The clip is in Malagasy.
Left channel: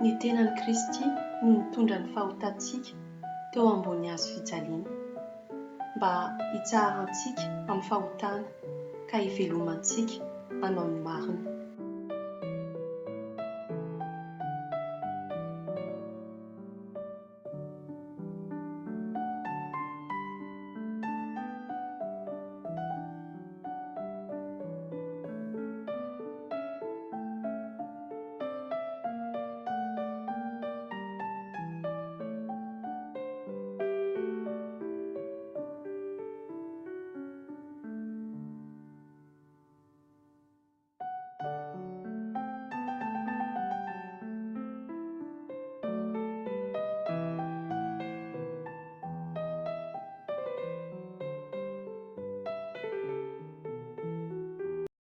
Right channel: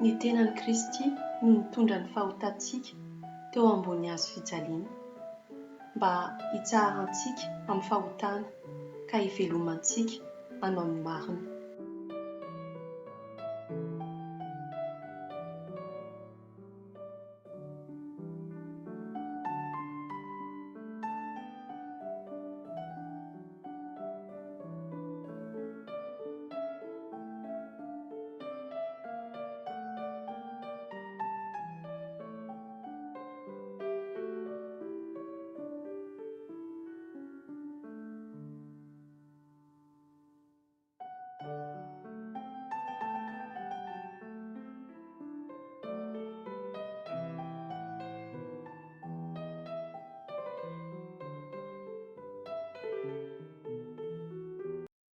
Ny tenan'i Kristy no mitondra ny fahotantsika teo ambony hazo fijaliana mba hitsaharantsika amin'ny fahotana ka hivelomantsika hanao ny marina.